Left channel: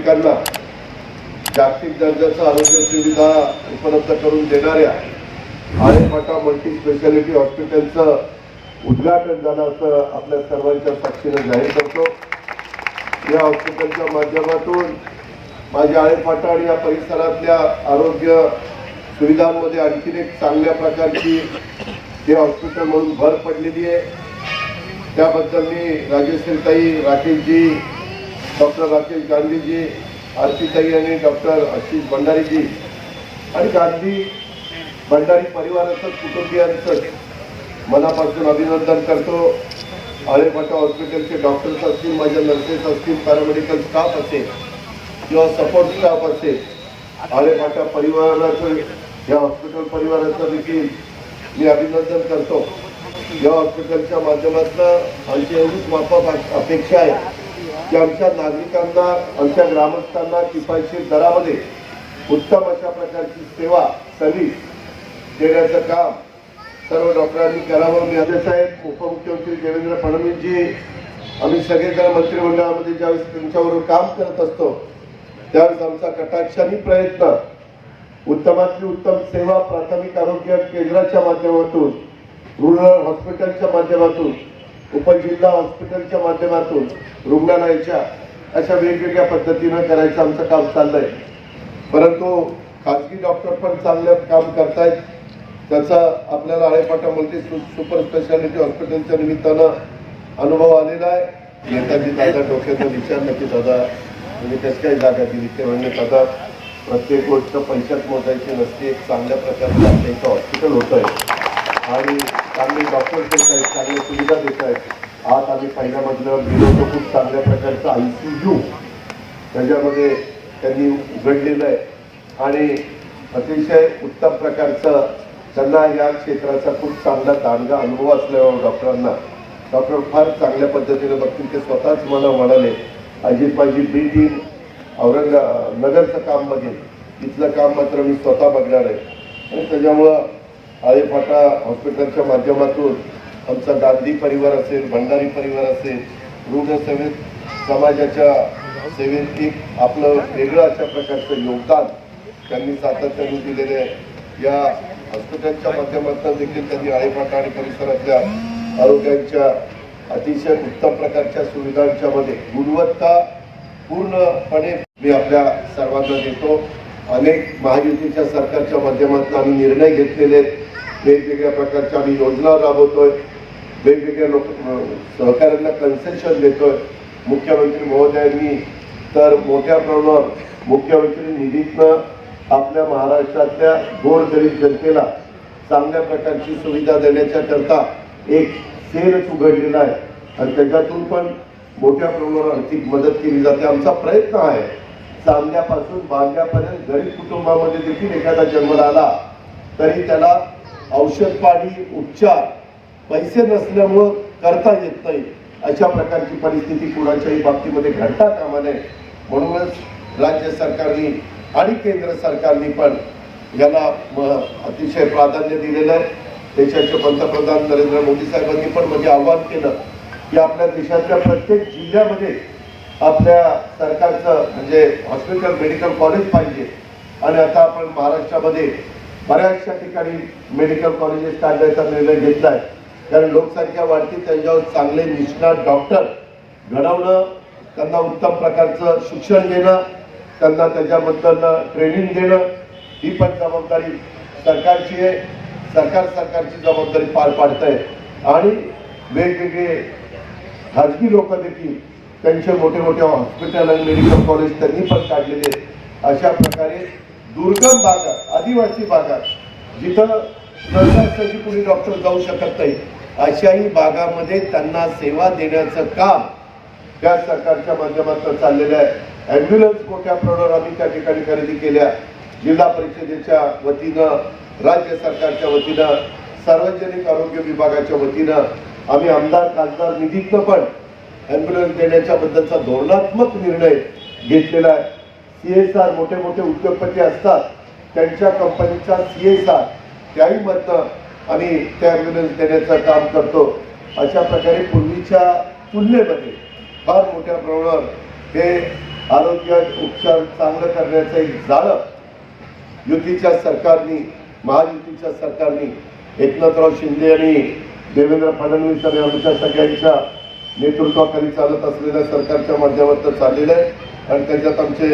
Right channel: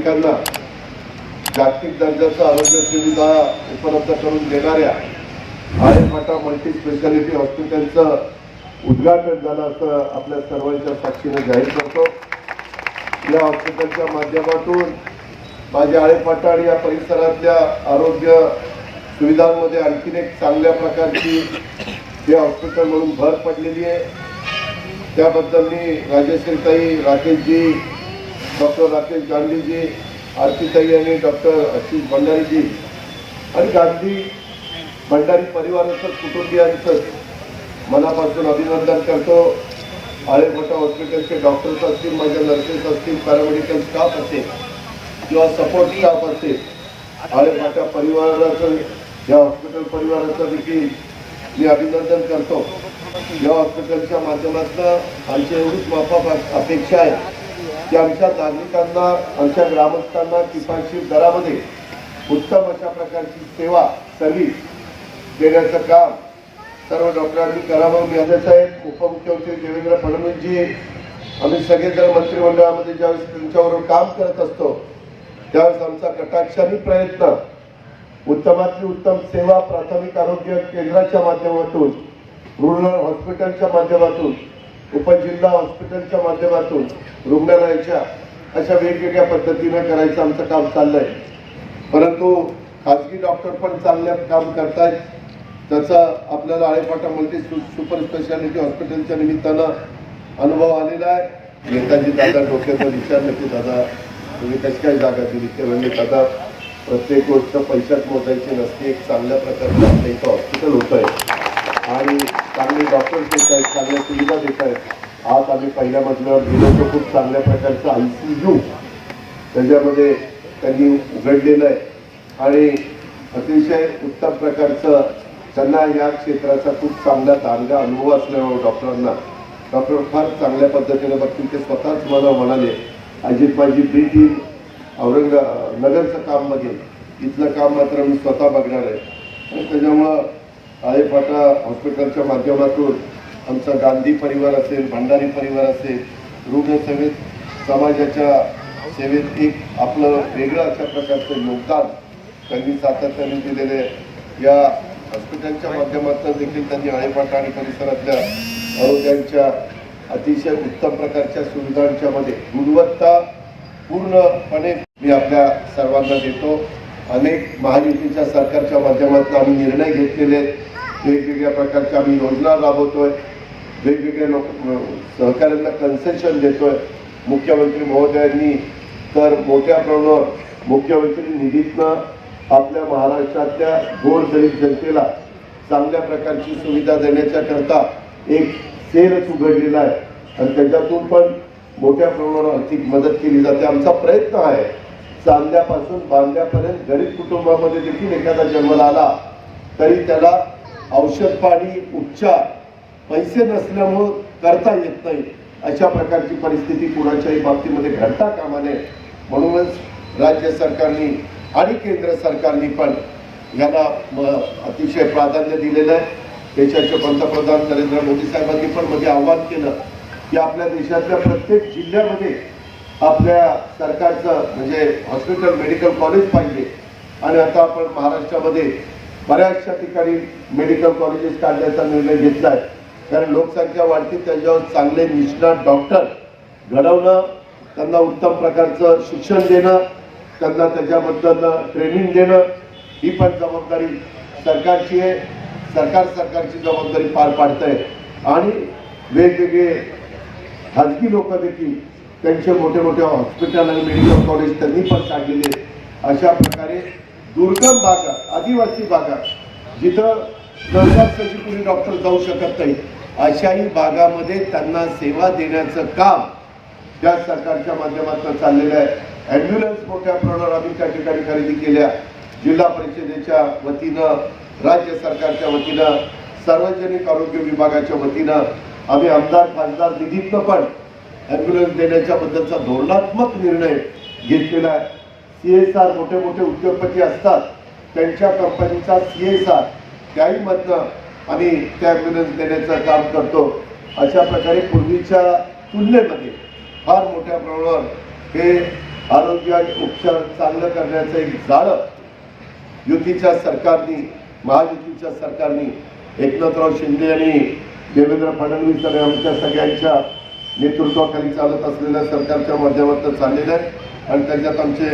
नागरिकांना जागतिक दर्जाचं आरोग्य सुविधा उपलब्ध करून देणाऱ्या आरेपाटा मल्टी स्पेशालिटी हॉस्पिटलचं उद्घाटन झालं असं आपल्या सर्वांच्या साक्षीनं जाहीर करतो. या हॉस्पिटलच्या माध्यमातून माझ्या आळेपाटा आणि या परिसरातल्या आरोग्य सुविधांमध्ये आणखीन एक चांगल्या प्रकारची हे हॉस्पिटल म्हणून भर पडलेली आहे. त्याबद्दल मी राजेश्रीताई राकेशजी डॉक्टर राकेश गांधीजी आरतीताई आणि डॉक्टर आशिष भंडारीजी आणि गांधी भंडारी परिवाराचं कुटुंबियांचं मनापासून अभिनंदन करतो. आळेभटा हॉस्पिटलचे डॉक्टर्स असतील माझ्या नर्सेस असतील पॅरामेडिकल स्टाफ असेल किंवा सपोर्ट स्टाफ असेल आळेभाटा परिवाराचं या हॉस्पिटल परिवाराचं देखील मी अभिनंदन करतो. या हॉस्पिटलच्या माध्यमातून आमची एवढीच माफा अपेक्षा आहे. की आमच्या नागरिकांना आमच्या ग्रामस्थांना किफायतशीर दरामध्ये उत्तम अशा प्रकारची सेवा सर्व्हिस देण्याचं काम सर्व डॉक्टरांनी करावं. मी आदेश साहेब उपमुख्यमंत्री देवेंद्र फडणवीसजी आम्ही सगळेजण मंत्रिमंडळामध्ये ज्यावेळेस त्यांच्याबरोबर काम करत असतो त्यावेळेस आमचा कटाक्षाने प्रयत्न उत्तमातली उत्तम सेवा प्राथमिक आरोग्य केंद्राच्या माध्यमातून रुरल हॉस्पिटलच्या माध्यमातून उपजिल्हा हॉस्पिटलच्या माध्यमातून रुग्णालयाच्या अशा वेगवेगळ्या पद्धतीनं करायचं आमचं काम चाललंय. परंतु खाजगी डॉक्टर पण चांगलं काम करतायत. त्याचा आपल्याला आळेपाटा मल्टी सुपर स्पेशालिटी हॉस्पिटलच्या निमित्तानं अनुभव आलेला आहे. नेताजी दादा डोक्याचा विचारलं की दादा तुम्ही कशी काय जागा दिली. ते म्हणजे दादा प्रत्येक गोष्ट पैशात मोजायची नसते. एक चांगल्या प्रकारचं आपल्या इथं हॉस्पिटल होतं आहे आणि चांगली डॉक्टर्स देत आहेत चांगल्या सुविधा देत आहेत आज आम्ही पहिल्या मजल्यावर गेलो तर खूप चांगल्या प्रकारचं आय सी यू त्याच्यामध्ये त्यांनी उघडलेलं आहे. आणि अतिशय उत्तम प्रकारचं त्यांना या क्षेत्राचा खूप चांगला दांडगा अनुभव असल्यामुळे डॉक्टरांना डॉक्टर फार चांगल्या पद्धतीने बघतील ते स्वतःच मला म्हणाले अजित माझी बी टीम औरंगा नगरचं काम बघेल. इथलं काम मात्र मी स्वतः बघणार आहे. आणि त्याच्यामुळं आळेफाटा हॉस्पिटलच्या माध्यमातून आमचा गांधी परिवार असेल भंडारी परिवार असेल रुग्णसेवेत समाजाच्या सेवेत एक आपलं वेगळं अशा प्रकारचं योगदान त्यांनी सातत्याने दिलेले आहे. या हॉस्पिटलच्या माध्यमातून देखील त्यांनी आळेफाटा आणि परिसरातल्या आरोग्यांच्या अतिशय उत्तम प्रकारच्या सुविधांच्या मध्ये गुणवत्ता पूर्णपणे मी आपल्या सर्वांना देतो अनेक महायुतीच्या सरकारच्या माध्यमातून आम्ही निर्णय घेतलेले आहेत. वेगवेगळ्या प्रकारच्या आम्ही योजना राबवतोय. वेगवेगळ्या लोक सहकाऱ्यांना कन्सेशन देतोय. मुख्यमंत्री महोदयांनी तर मोठ्या प्रमाणावर मुख्यमंत्री निधीतनं आपल्या महाराष्ट्रातल्या गोरगरीब जनतेला चांगल्या प्रकारची सुविधा देण्याच्याकरता एक सेलच उघडलेला आहे. आणि त्याच्यातून पण मोठ्या प्रमाणावर आर्थिक मदत केली जाते. आमचा प्रयत्न आहे. चांदल्यापासून बांधल्यापर्यंत गरीब कुटुंबामध्ये देखील एखादा जन्म आला तरी त्याला औषध पाणी उपचार पैसे नसल्यामुळं करता येत नाही. अशा प्रकारची परिस्थिती कुणाच्याही बाबतीमध्ये घडता कामा नये. म्हणूनच राज्य सरकारने आणि केंद्र सरकारने पण याला अतिशय प्राधान्य दिलेलं आहे. देशाचे पंतप्रधान नरेंद्र मोदी साहेबांनी पण मध्ये आवाहन केलं की आपल्या देशातल्या प्रत्येक जिल्ह्यामध्ये आपल्या सरकारचं म्हणजे हॉस्पिटल मेडिकल कॉलेज पाहिजे. आणि आता आपण महाराष्ट्रामध्ये बऱ्याचशा ठिकाणी मेडिकल कॉलेजेस काढण्याचा निर्णय घेतला आहे कारण लोकसंख्या वाढती त्याच्यावर चांगले निष्णात डॉक्टर घडवणं त्यांना उत्तम प्रकारचं शिक्षण देणं त्यांना त्याच्याबद्दल ट्रेनिंग देणं ही पण जबाबदारी सरकारची आहे. सरकार सरकारची जबाबदारी पार पाडत आहे आणि वेगवेगळे खाजगी लोक देखील त्यांचे मोठे मोठे हॉस्पिटल आणि मेडिकल कॉलेज त्यांनी पण काढलेले आहेत. अशा प्रकारे दुर्गम भागात आदिवासी भागात जिथं सहजासहजी कुणी डॉक्टर जाऊ शकत नाही अशाही भागामध्ये त्यांना सेवा देण्याचं काम त्या सरकारच्या माध्यमातून चाललेलं आहे. ॲम्ब्युलन्स मोठ्या प्रमाणावर आम्ही त्या ठिकाणी खरेदी केल्या. जिल्हा परिषदेच्या वतीनं राज्य सरकारच्या वतीनं सार्वजनिक आरोग्य विभागाच्या वतीनं आम्ही आमदार खासदार निधीतनं पण ॲम्ब्युलन्स देण्याच्या बद्दलचा धोरणात्मक निर्णय घेतलेला आहे. सी एस आर मोठे मोठे उद्योगपती असतात त्यांच्या कंपनीचा सी एस आर त्याही मधनं आम्ही त्या ॲम्ब्युलन्स देण्याचं काम करतो. अशा प्रकारे पूर्वीच्या तुलनेमध्ये फार मोठ्या प्रमाणावर हे आरोग्यात उपचार चांगलं करण्याचं एक जाळं युतीच्या सरकारनी महायुतीच्या सरकारनी एकनाथराव शिंदे आणि देवेंद्र फडणवीस आणि आमच्या सगळ्यांच्या नेतृत्वाखाली चालत असलेल्या सरकारच्या माध्यमातून चाललेलं आहे. आणि त्याच्यात आमचे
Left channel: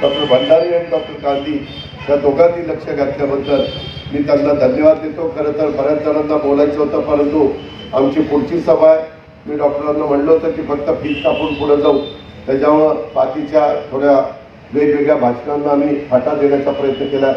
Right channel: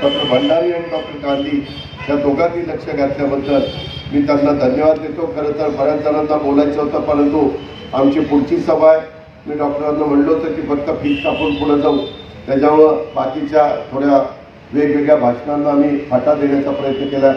डॉक्टर भंडारी आणि डॉक्टर गांधी या दोघांनी लक्ष घातल्याबद्दल मी त्यांना धन्यवाद देतो. खरं तर बऱ्याच जणांना बोलायचं होतं परंतु आमची पुढची सभा आहे. मी डॉक्टरांना म्हणलं होतं की फक्त फीज कापून पुढे जाऊ. त्याच्यामुळं बाकीच्या थोड्या वेगवेगळ्या भाषणांना आम्ही फाटा देण्याचा प्रयत्न केला.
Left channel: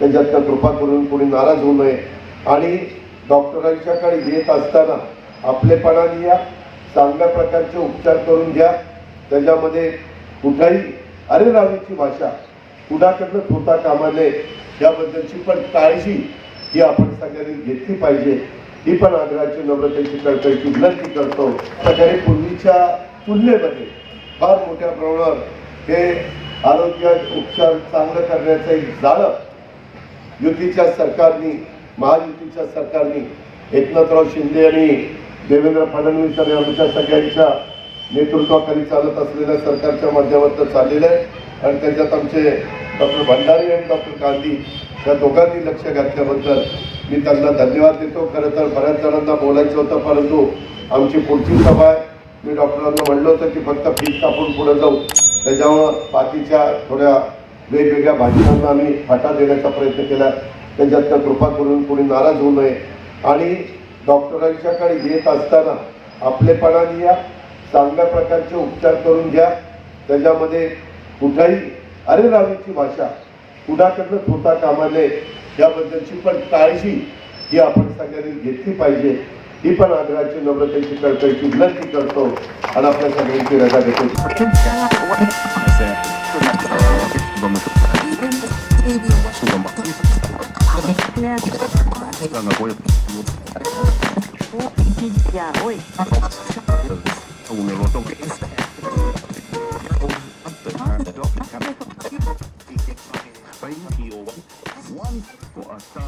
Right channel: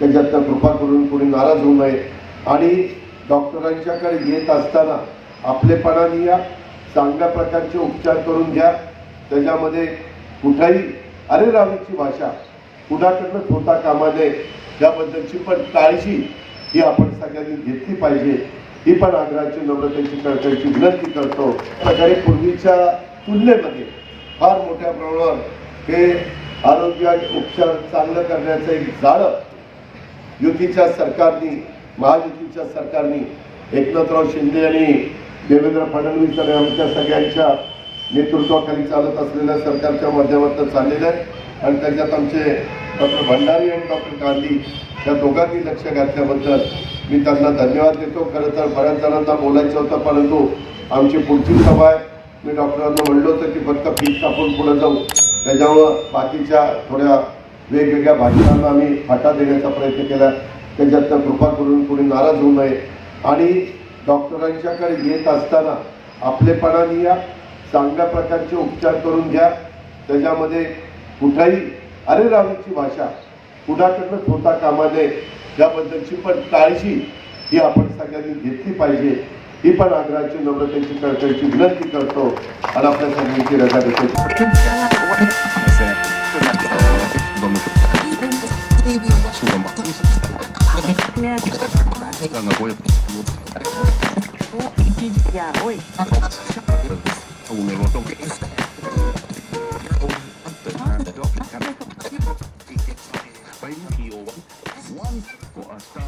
त्याच्यातनं कृपा करून कोणी नाराज होऊ नये. आणि डॉक्टरांच्याकडे येत असताना आपलेपणाने या चांगल्या प्रकारचे उपचार करून घ्या. त्याच्यामध्ये कुठाही अरे रावीची भाषा कुणाकडनं होता कामा नये याबद्दलची पण काळजी ही आपण सगळ्यांनी घेतली पाहिजे. ही पण आग्रहाची नम्रतेची कळकळीची विनंती करतो. प्रकारे पूर्वीच्या तुलनेमध्ये फार मोठ्या प्रमाणावर हे आरोग्यात उपचार चांगलं करण्याचं एक जाळं युतीच्या सरकारनी महायुतीच्या सरकारनी एकनाथराव शिंदे आणि देवेंद्र फडणवीस आणि आमच्या सगळ्यांच्या नेतृत्वाखाली चालत असलेल्या सरकारच्या माध्यमातून चाललेलं आहे. आणि त्याच्यात आमचे डॉक्टर भंडारी आणि डॉक्टर गांधी या दोघांनी लक्ष घातल्याबद्दल मी त्यांना धन्यवाद देतो. खरं तर बऱ्याच जणांना बोलायचं होतं परंतु आमची पुढची सभा आहे. मी डॉक्टरांना म्हणलं होतं की फक्त फीस कापून पुढे जाऊ. त्याच्यामुळं बाकीच्या थोड्या वेगवेगळ्या भाषणांना आम्ही फाटा देण्याचा प्रयत्न केला. त्याच्यातनं कृपा करून कोणी नाराज होऊ नये. आणि डॉक्टरांच्याकडे येत असताना आपलेपणाने या चांगल्या प्रकारचे उपचार करून घ्या. त्याच्यामध्ये कुठेही अरे रावीची भाषा कुणाकडनं होता कामा नये याबद्दलची पण काळजी ही आपण सगळ्यांनी घेतली पाहिजे. ही पण आग्रहाची नम्रतेची कळकळीची विनंती करतो. आणि आपल्या सगळ्यांची रजा देतो. One for a and